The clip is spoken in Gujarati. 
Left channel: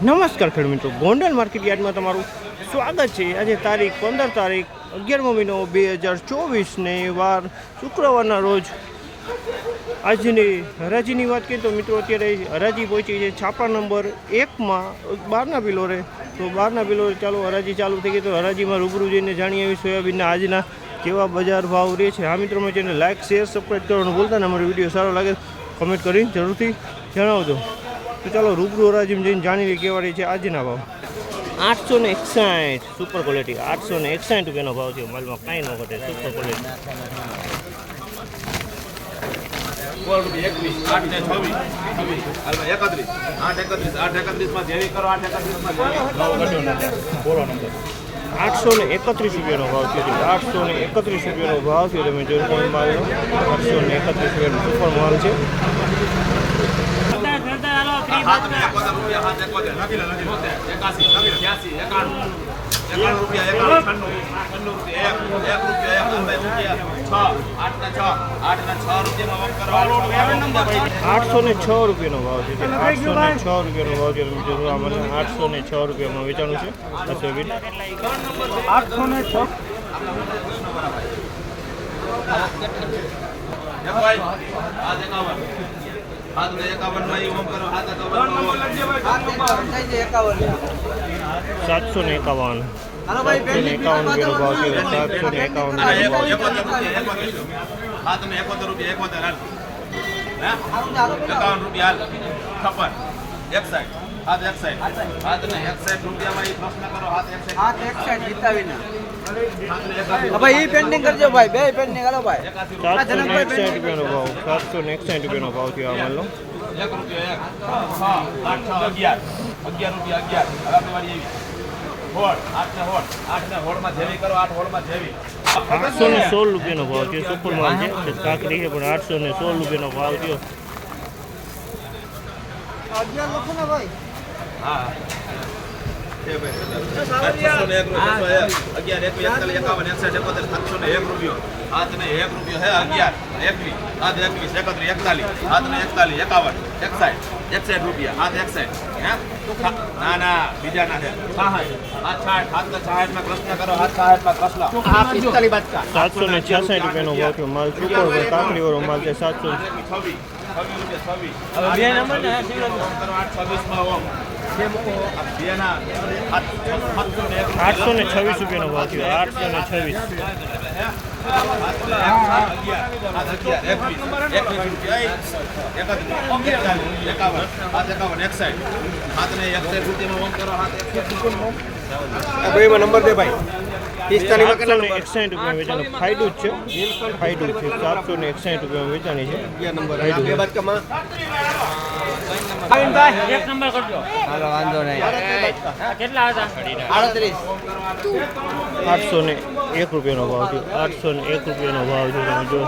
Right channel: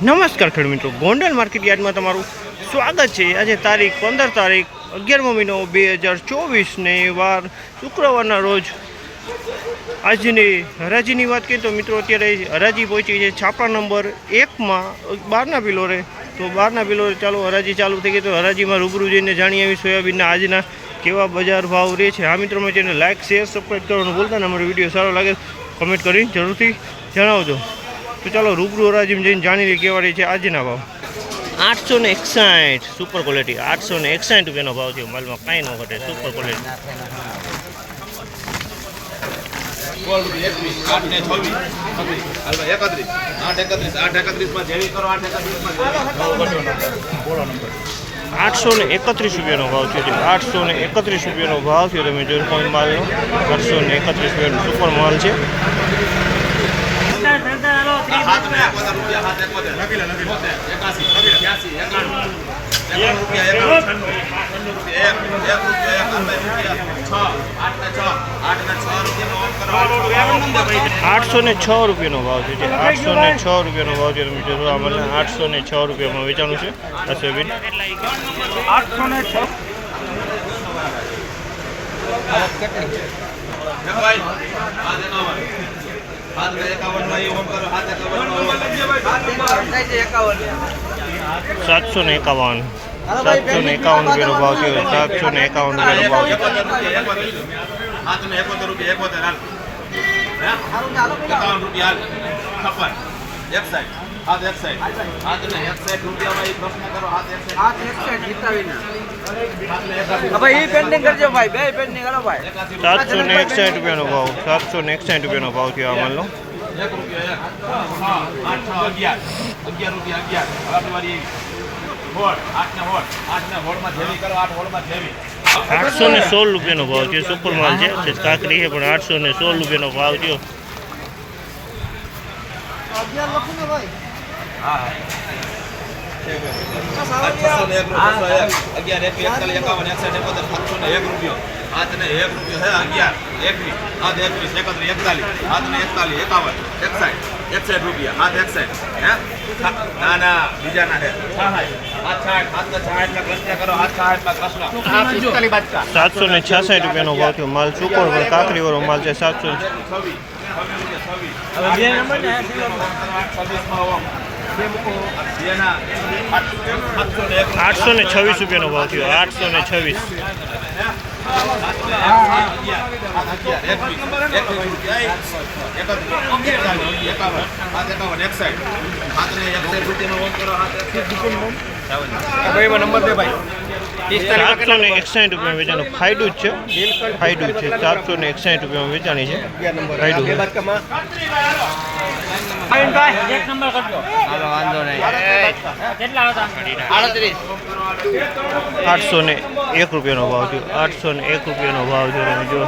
નમસ્કાર ખેડૂત મિત્રો. ગોંડલ માર્કેટ યાર્ડમાં તમારું સ્વાગત છે. આજે તારીખ પંદર તારીખ અગિયારમો મહિનો બે હજાર ચોવીસને વાર શુક્રવારના રોજ આજની હરાજીની વાત કરીએ તો મિત્રો અત્યારે હરાજી પહોંચી છે છાપા નંબર એકમાં બારના પિલોરે તો બારના પિલોરે ચાલો હરાજી ચાલુ થઈ ગઈ તો હરાજીમાં રૂબરૂ જઈને જાણી આવી સોયાબીનના આજના કેવા બજાર ભાવ રહે છે. આ મિત્રો મેં ચેનલ લાઇક શેર સબસ્ક્રાઈબ કરવાનું ભૂલતા ને અમારો વીડિયો સારો લાગે કમેન્ટ કરીને જરૂરથી જણાવજો. તો ચાલો રૂબરૂ હરાજીમાં જઈને જાણી લઈએ કેવા રહી છે આજના ભાવ. આઠસો ને એકસાઠ સુપર ક્વોલિટી આઠસો ને એકસાઠ રૂપિયાનો ભાવ છે. માલમાં કાંઈ ન ઘટે. સુપર ક્વોલિટી આઠસો ને એકત્રીસ રૂપિયાનો ભાવ થયો છે. આઠસો ને એકત્રીસ રૂપિયાનો ભાવ થયો. તમે જોઈ કોઈ માલનો. આઠસો ને એકત્રીસ રૂપિયાનો સુપર માલ છે. આઠસો ને છ રૂપિયાનો ભાવ છે જે. આઠસો ને છ રૂપિયાનો ભાવ છે તમે જોશો આ મને આઠસો ને છ રૂપિયામાં વેચાણું છે. આ આઠસો ને છ. એકાવન હાથ એકાવન એ ઓમ કરો હાથ એકાવન સાતસો ને એકાવન. સાતસો ને એકાવન રૂપિયાનો ભાવ થયો સાતસો ને એકાવન રૂપિયાનો ભાવ એકોતેર રૂપિયા એકોતેર રૂપિયા. એકોતેર હાલ. એકાવન રૂપિયા હાલ. છપ્પન એક સાઈડ હાથ એક સાઈડ હાથ ને એક સાઈડ રૂપિયામાં એ પ્રશ્ન કરો હાથ એક સાઈડ હાથ ને એકાસી ભાઈ ઈ પેન્ડિંગ કરજો ભાઈ બે પેન્ડિંગ કરો ભાઈ. સાતસો ને એકસાઠ રૂપિયાનો ભાવ સાતસો ને એકસાઠ રૂપિયાનો ભાવ થયો આ માલનો. એક રૂપિયો એક. આઠ અગિયાર. અગિયાર રૂપિયા અગિયાર. હવે વારી હોળ આઠ ને હોળ. આઠ ને હોળમાં જેવી કરો આઠ હોળમાં જેવી. આઠસો ને સોળ રૂપિયાનો ભાવ છે સુપર માલ છે. કાકરી છે પણ આઠસો ને સોળ રૂપિયાનો ભાવ થયો. હા લખો ને એક અગિયાર એક એકતાલીસ એકાવન એકસઠ એકોતેર સાતસો ને એક રૂપિયો. હાથ ને એક રૂપિયો હે અગિયાર. એકવીસ હાથ એકવીસ એકત્રીસ એકતાલીસ. હાથ ને એકતાલીસ એકાવન એકસાઠ. એકસાઠ રૂપિયા. હાથ એકસાઠ. હે? ના ના બીજા ના કૃષ્ણ સાતસો ને છાસઠ રૂપિયાનો ભાવ થયો. માલ સુપર કાકડી વાળો માલ છે સાતસો. છવ્વીસ. આઠસો ને છવ્વીસ રૂપિયાનો ભાવ થયો. આઠસો ને છવ્વીસ. ભાઈ નંબર દે ભાઈ. સાતસો ને એકસાઠ રૂપિયા વેચાણું ફાયદું જ છે. ફાયદું છે. ચારસો ને એકસાઠ રૂપિયામાં વેચાણી છે. ફાયદું એક નંબર કરજો. વાંધો નહીં. કેટલા હતા આડત્રીસ. આઠસો ને એક રૂપિયાનો ભાવ થયો. આઠસો ને એક રૂપિયાનો ભાવ થયો. તમે જો